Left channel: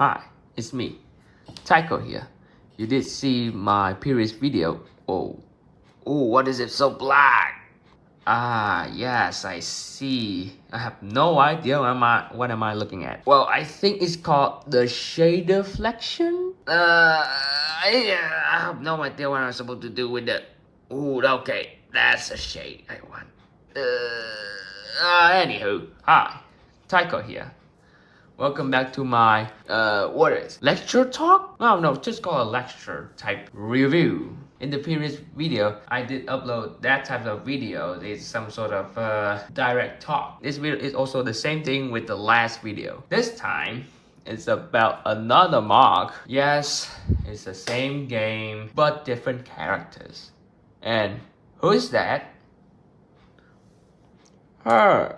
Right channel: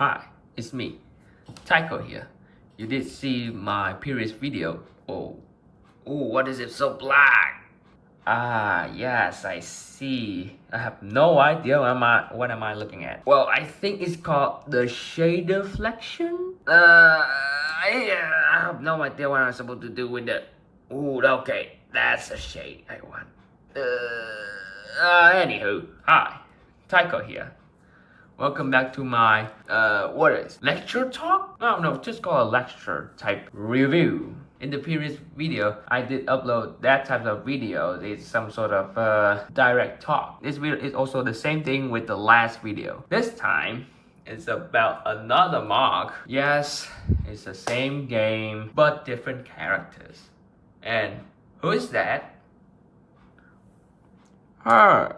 Hi, it's me, Tyko here. You did see my previous video. Oh, what is it so black? Ah, yes, I see. I have no idea what am I looking at. Well, I think it's called the shader flexion. I have no idea what I'm supposed to do with it. Ooh, okay, that's a shade I want. Anywho, hi, Tyko here. Welcome back to my, lecture talk? No, just call a lecture type review. In the previous video, I did upload that type of video. It's some sort of direct talk. This video is also the same thing with the last video. This time, it's about another Moc. Yes, it's the same game, but different characters. And who is that? Her.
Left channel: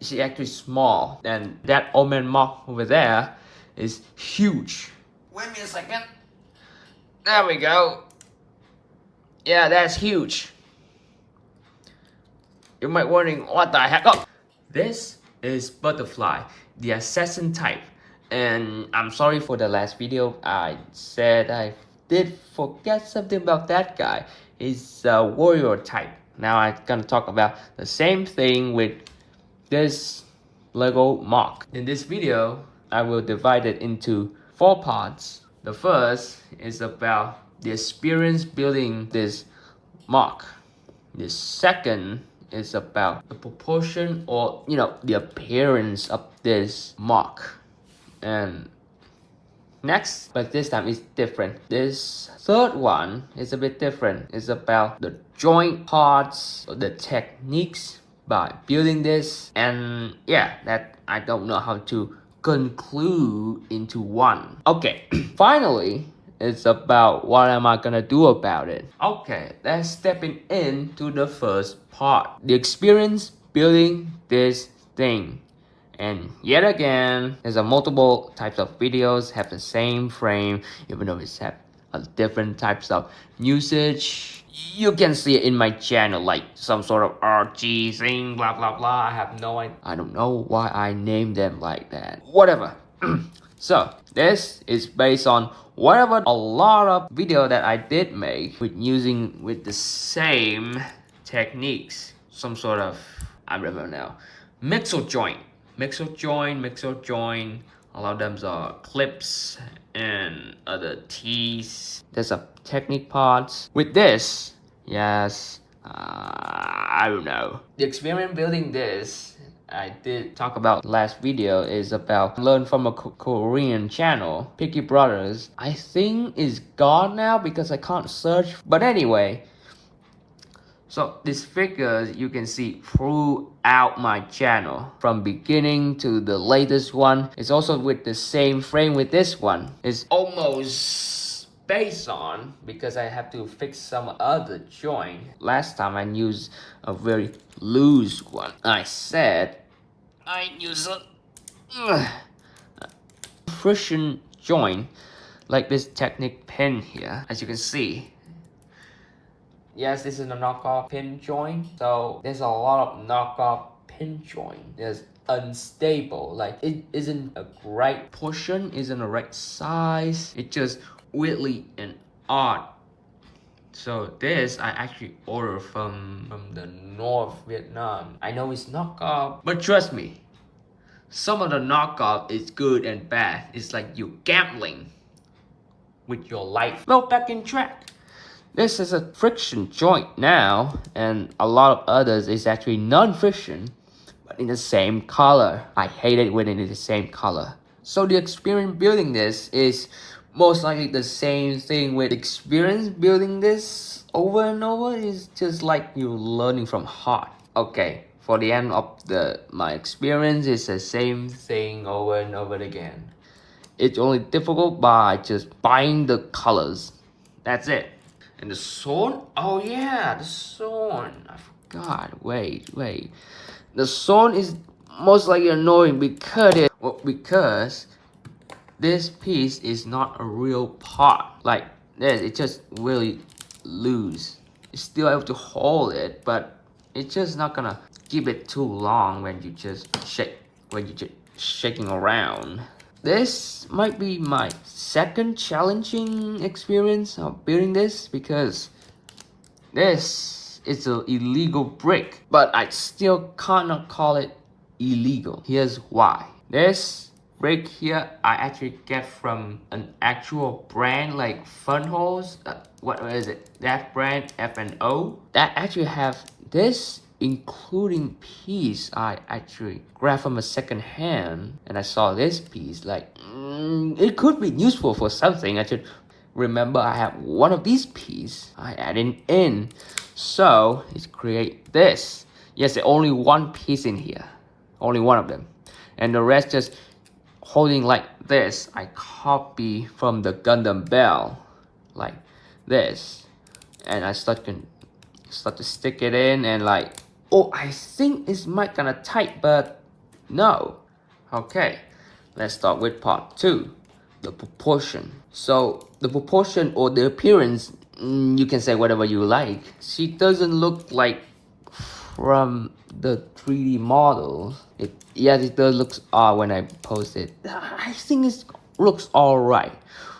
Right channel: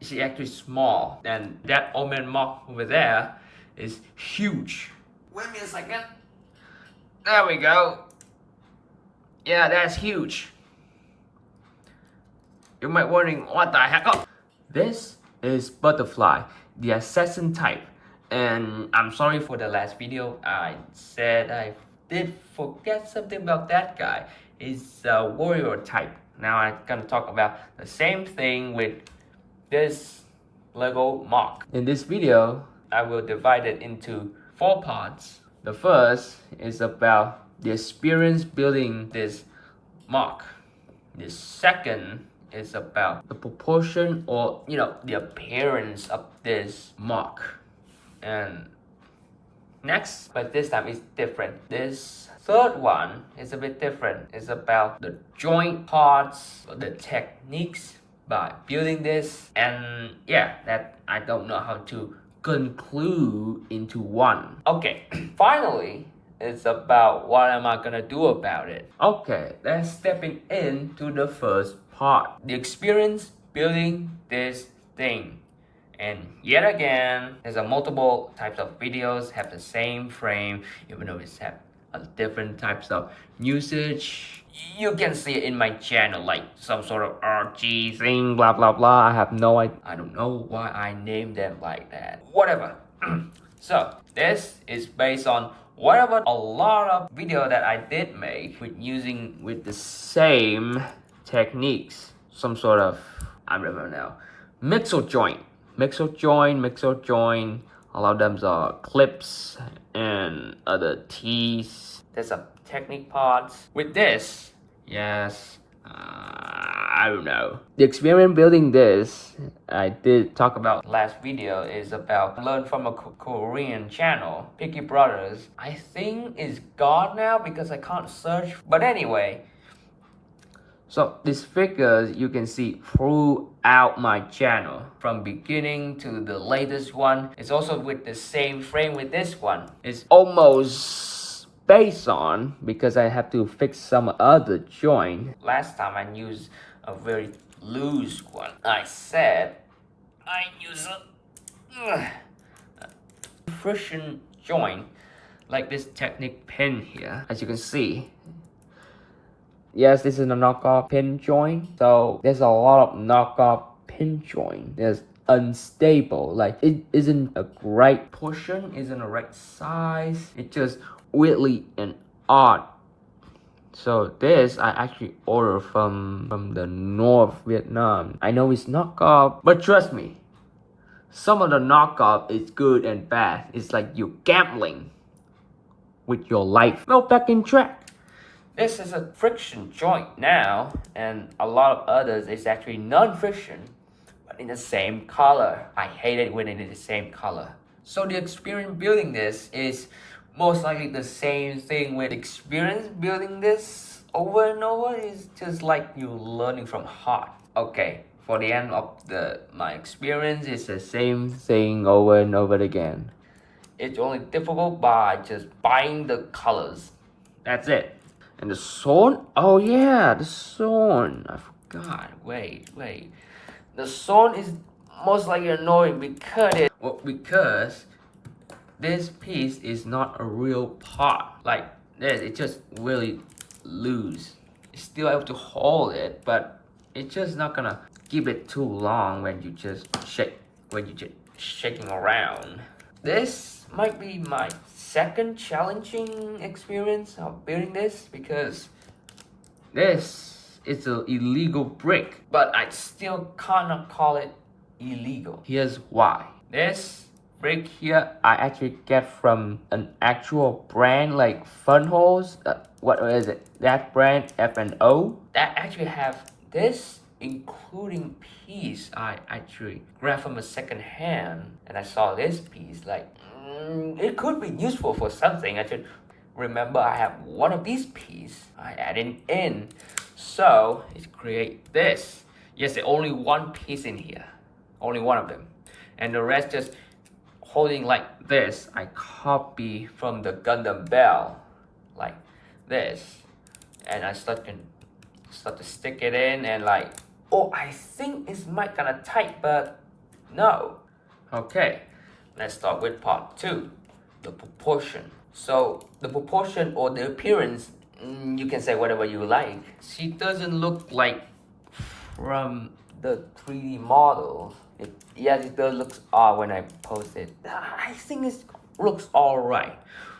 She's actually small, and that old man Moc over there is huge. Wait a second. There we go. Yeah, that's huge. You might wondering what the heck. Oh, this is Butterfly, the assassin type. And I'm sorry for the last video. I said I did forget something about that guy. He's a warrior type. Now I'm gonna talk about the same thing with this Lego Moc. In this video, I will divide it into 4 parts. The first is about the experience building this Moc. The second is about the proportion or the appearance of this Moc. And next, but this time it's different. This third one is a bit different. It's about the joint parts, the techniques by building this, and yeah, that I don't know how to conclude into one. Okay, finally, it's about what am I gonna do about it. Okay, let's stepping into the first part, the experience building this thing. And yet again, there's a multiple types of videos have the same frame, even though it's have different types of usage. You can see it in my channel, like some sort of RG thing, blah blah blah. I don't know why I named them like that. Whatever. So this is based on whatever a lot of video that I did make with the same techniques. Some sort of, I don't know, mixer joint. A lot of them are clips and other tees. There's a technique parts. With this, yes, I don't know. The experience building this, I did talk about last video, is about learn from a Korean channel, Picky Brothers. I think it's gone now because I can't search. But anyway, so these figures you can see throughout my channel from beginning to the latest one. It's also with the same frame with this one. It's almost based on because I have to fix some other joint. Last time I used a very loose one. I said I use a friction joint like this Technic pen here, as you can see. Yes, this is a knockoff pin joint. So there's a lot of knockoff pin joint. There's unstable, like it isn't a right portion, isn't a right size. It just weirdly and odd. So this I actually ordered from the North Vietnam. I know it's knockoff, but trust me, some of the knockoff is good and bad. It's like you're gambling with your life. Well, back in track. This is a friction joint now, and a lot of others is actually non-friction, but in the same color. I hate it when it is the same color. So the experience building this is most likely the same thing with experience building this over and over. Is just like you're learning from heart. Okay, for the end of my experience, it's the same thing over and over again. It's only difficult by just buying the colors. That's it. And the sword? Oh yeah, the sword. I forgot. Wait. The sword is most likely annoying because this piece is not a real part. Like this, it's just really loose. You still have to hold it, but it's just not gonna keep it too long when you just shaking around. This might be my second challenging experience of building this because this is an illegal brick, but I still cannot call it illegal. Here's why. This brick here I actually get from an actual brand like Funholes. What is it? That brand F&O that actually have this including piece. I actually grabbed from a second hand and I saw this piece like it could be useful for something. I should remember I have one of these pieces. I add it in, so let's create this. Yes, there's only one piece in here, only one of them, and the rest just holding like this. I copy from the Gundam Bell like this, and I start to stick it in, and like, oh, I think it's might gonna tight, but no. Okay, let's start with part 2, the proportion. So the proportion or the appearance, you can say whatever you like. She doesn't look like from the 3D model. Yes, it does look odd when I post it. I think it looks alright.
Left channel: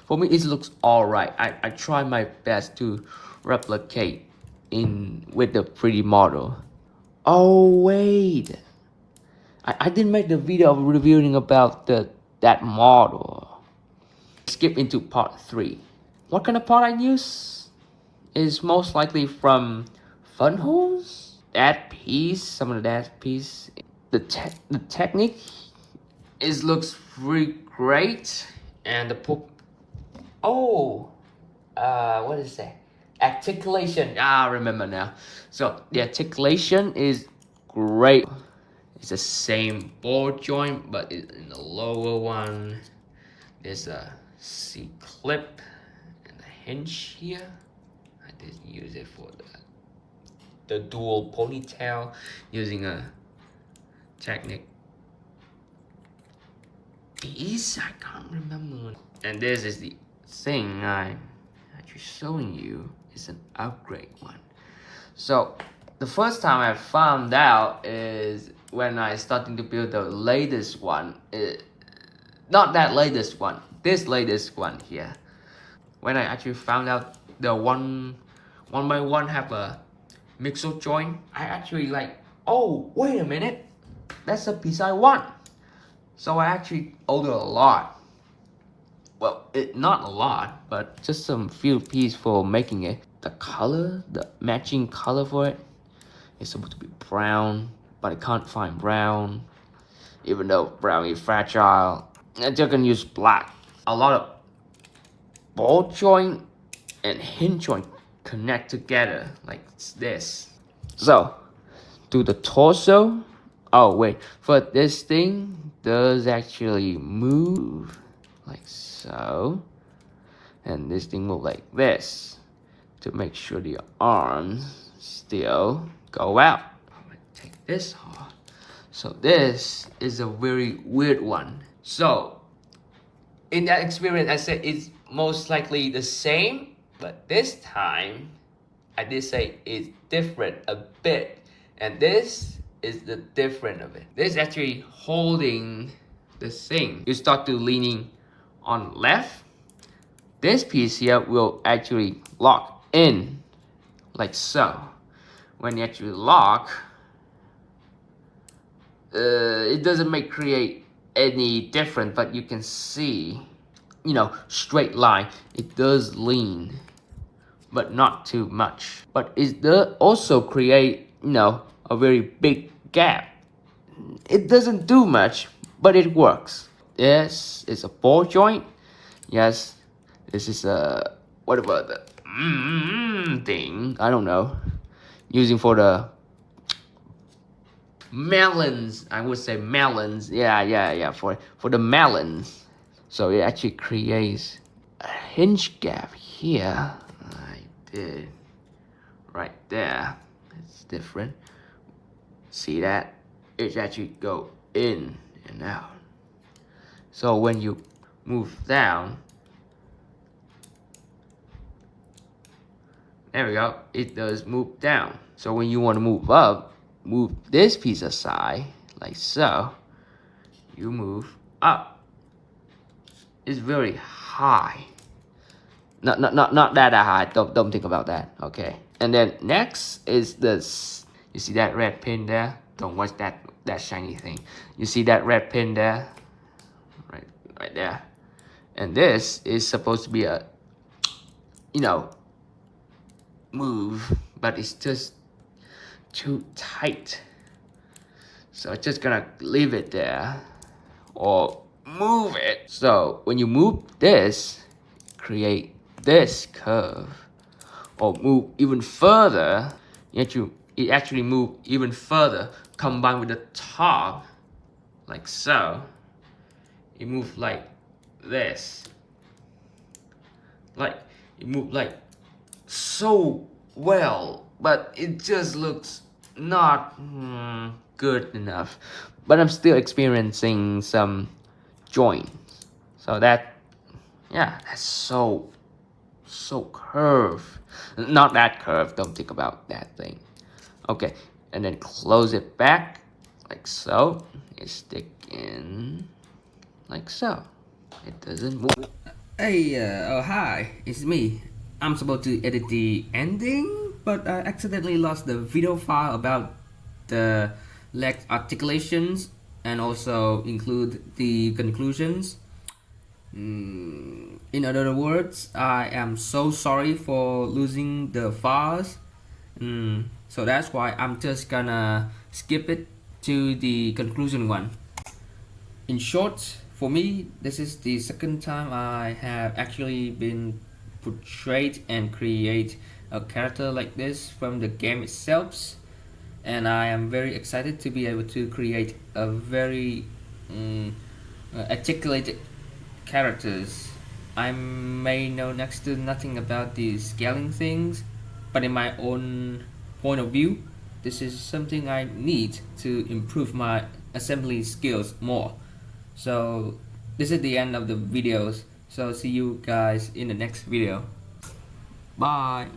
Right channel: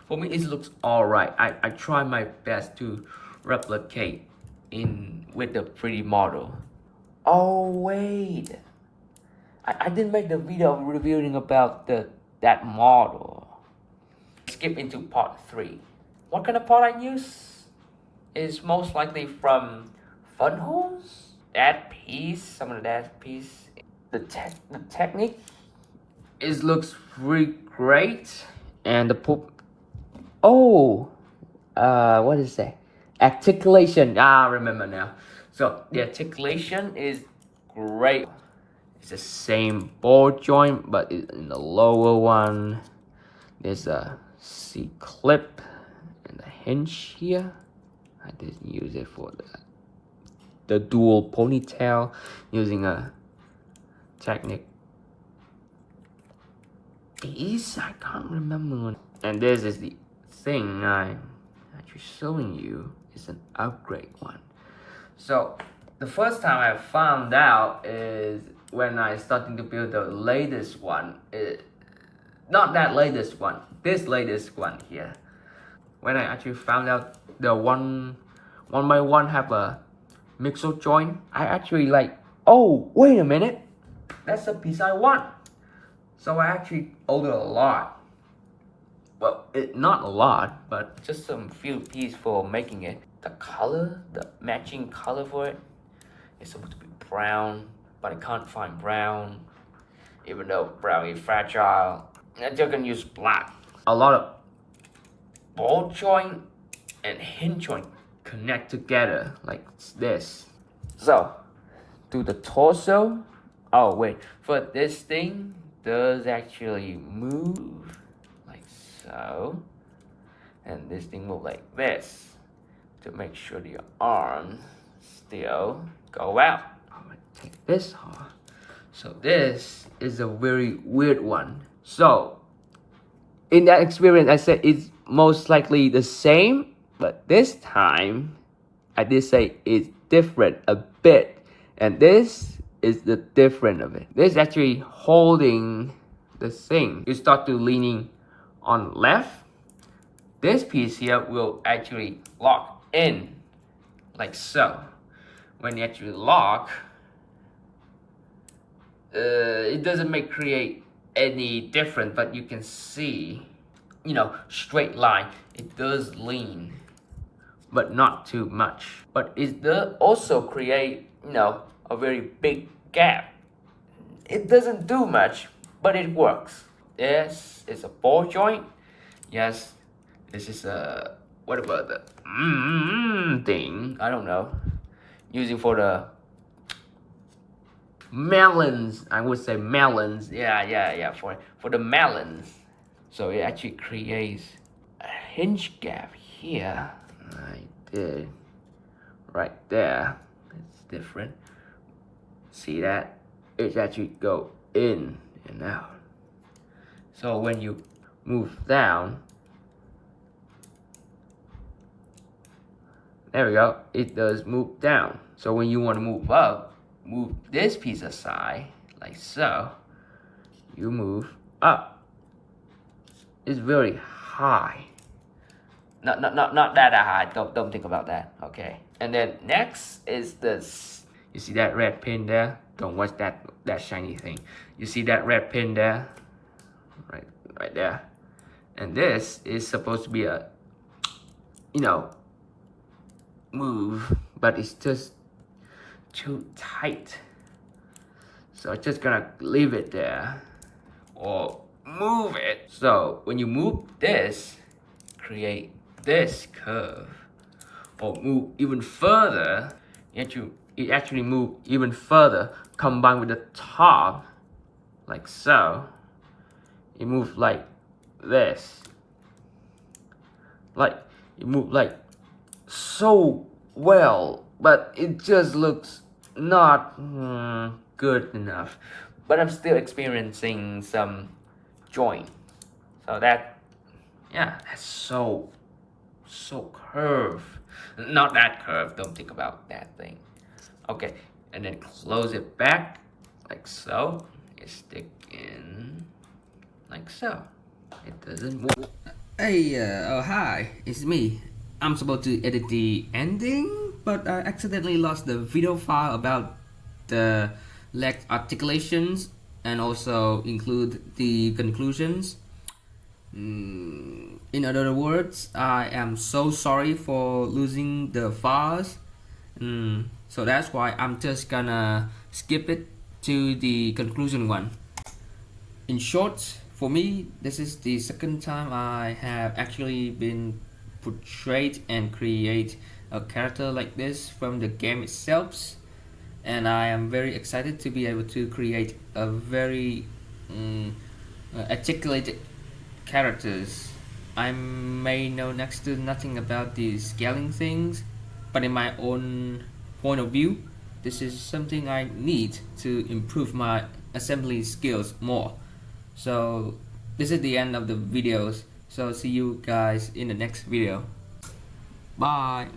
For me, it looks alright. I try my best to replicate with the 3D model. Oh wait, I didn't make the video of reviewing about that model. Skip into part 3. What kind of part I use is most likely from Funholes. That piece, some of that piece. The technique looks really great, and the what is that? Articulation. I remember now. So the articulation is great. It's the same ball joint, but in the lower one, there's a C-clip and a hinge here. I didn't use it for the dual ponytail using a technique. I can't remember. And this is the thing I'm actually showing you. It's an upgrade one. So the first time I found out is when I started to build the latest one. Not that latest one, this latest one here. When I actually found out the one by one have a mixer joint, I actually like, oh wait a minute, that's the piece I want. So I actually ordered a lot. Well, not a lot, but just some few pieces for making it. The color, the matching color for it is supposed to be brown, but I can't find brown. Even though brown is fragile, I'm just gonna use black. A lot of ball joint and hinge joint connect together like this. So, do the torso. Oh wait, for this thing does actually move like so, and this thing move like this to make sure the arms still go out. I'm gonna take this off. So this is a very weird one. So in that experience, I said it's most likely the same, but this time I did say it's different a bit, and this is the different of it. This is actually holding the thing. You start to leaning on left. This piece here will actually lock in like so. When you actually lock, it doesn't create any difference, but you can see, straight line. It does lean, but not too much. But it does also create, a very big gap. It doesn't do much, but it works. This is a ball joint. Yes, this is a, what about the thing? I don't know. Using for the melons, I would say melons. Yeah, for the melons. So it actually creates a hinge gap here. I did right there. It's different. See that? It actually go in and out. So when you move down, there we go. It does move down. So when you want to move up, move this piece aside, like so. You move up. is very high. Not that high. Don't think about that. Okay. And then next is this. You see that red pin there? Don't watch that shiny thing. You see that red pin there? Right there. And this is supposed to be a, move, but it's just too tight. So I'm just gonna leave it there or move it. So when you move this, create this curve, or move even further, it actually move even further, combined with the top, like so. It moves like this. Like, it moves like so well, but it just looks not good enough. But I'm still experiencing some joints. So that's so curved. Not that curved, don't think about that thing. Okay, and then close it back like so. You stick in like so. It doesn't move. Hey, oh hi, it's me. I'm supposed to edit the ending, but I accidentally lost the video file about the leg articulations and also include the conclusions. In other words, I am so sorry for losing the files. So that's why I'm just gonna skip it to the conclusion one. In short, for me, this is the second time I have actually been portrayed and create a character like this from the game itself, and I am very excited to be able to create a very articulated characters. I may know next to nothing about the scaling things, but in my own point of view, this is something I need to improve my assembly skills more. So this is the end of the videos. So see you guys in the next video. Bye.